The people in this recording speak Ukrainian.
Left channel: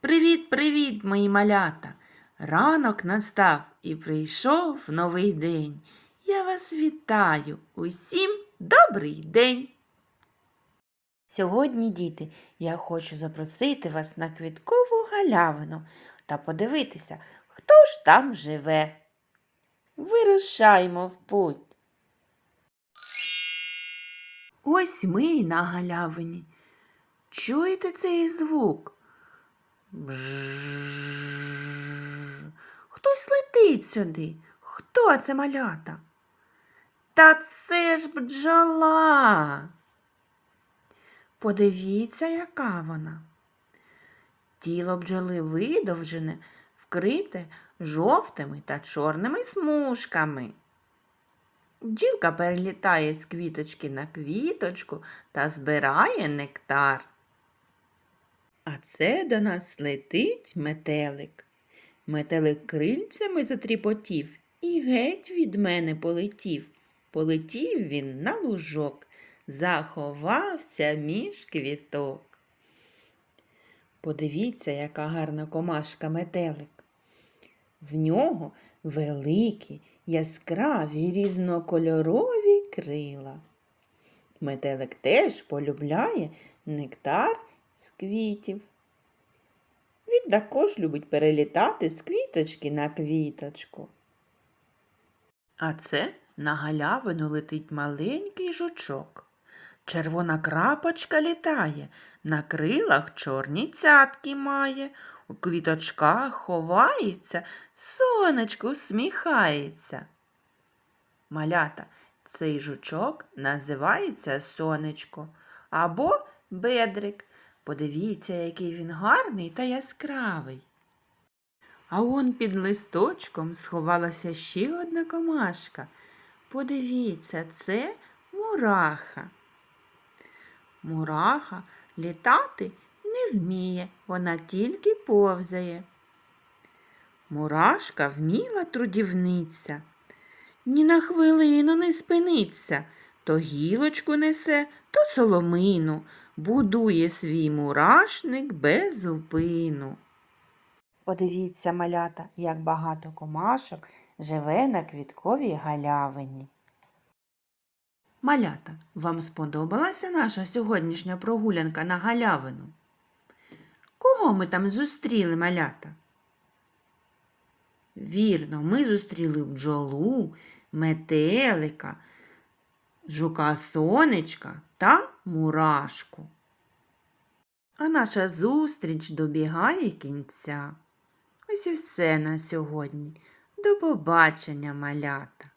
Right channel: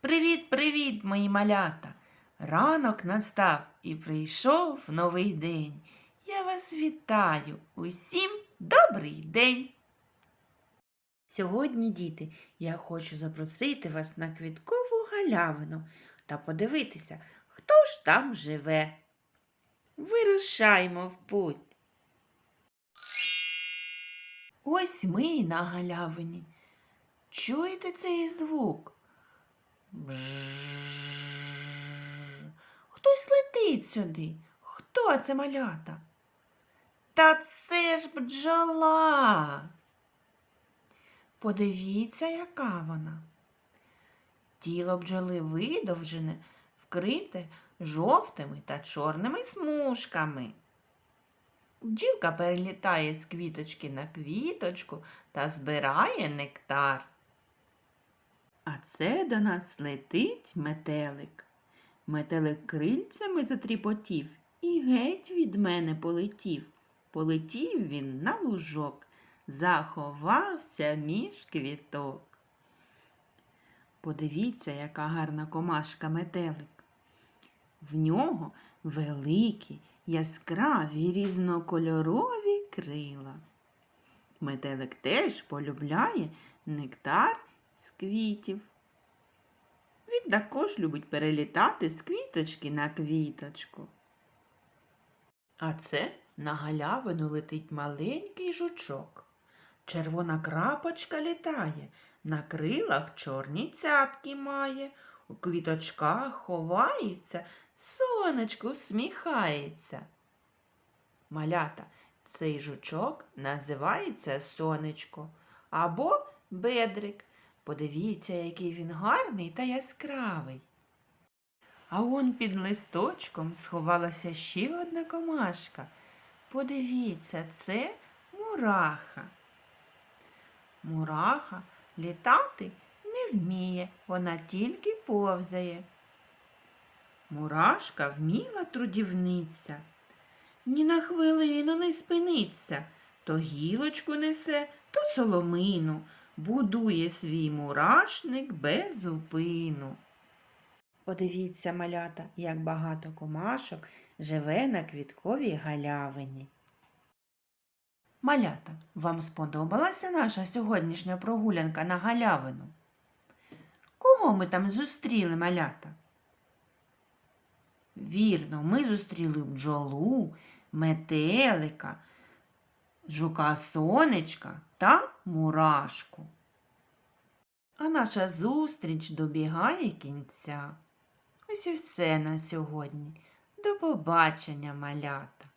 Привіт, привіт, мої малята! Ранок настав і прийшов новий день. Я вас вітаю. Усім добрий день. Сьогодні, діти, я хочу запросити вас на квіткову галявину та подивитися, хто ж там живе. Вирушаймо в путь. Ось ми на галявині. Чуєте цей звук? Бжжж. Хтось летить сюди. Хто це малята? Та це ж бджола. Подивіться, яка вона. Тіло бджоли видовжене, вкрите жовтими та чорними смужками. Бджілка перелітає з квіточки на квіточку та збирає нектар. А це до нас летить метелик. Метелик крильцями затріпотів і геть від мене полетів. Полетів він на лужок, заховався між квіток. Подивіться, яка гарна комашка метелик. В нього великі, яскраві, різнокольорові крила. Метелик теж полюбляє нектар з квітів. Він також любить перелітати з квіточки на квіточку. А це на галявину летить маленький жучок. Червона крапочка літає, на крилах чорні цятки має, у квіточках ховається, сонечко усміхається. Малята, цей жучок називається сонечко або бедрик. Подивіться, який він гарний та яскравий. А он під листочком сховалася ще одна комашка. Подивіться, це мураха. Мураха літати не вміє, вона тільки повзає. Мурашка вміла трудівниця, ні на хвилину не спиниться, то гілочку несе, то соломину, будує свій мурашник без зупину. Подивіться, малята, як багато комашок живе на квітковій галявині. Малята, вам сподобалася наша сьогоднішня прогулянка на галявину? Кого ми там зустріли, малята? Вірно, ми зустріли бджолу, метелика, жука сонечка та мурашку. А наша зустріч добігає кінця. Ось і все на сьогодні. До побачення, малята!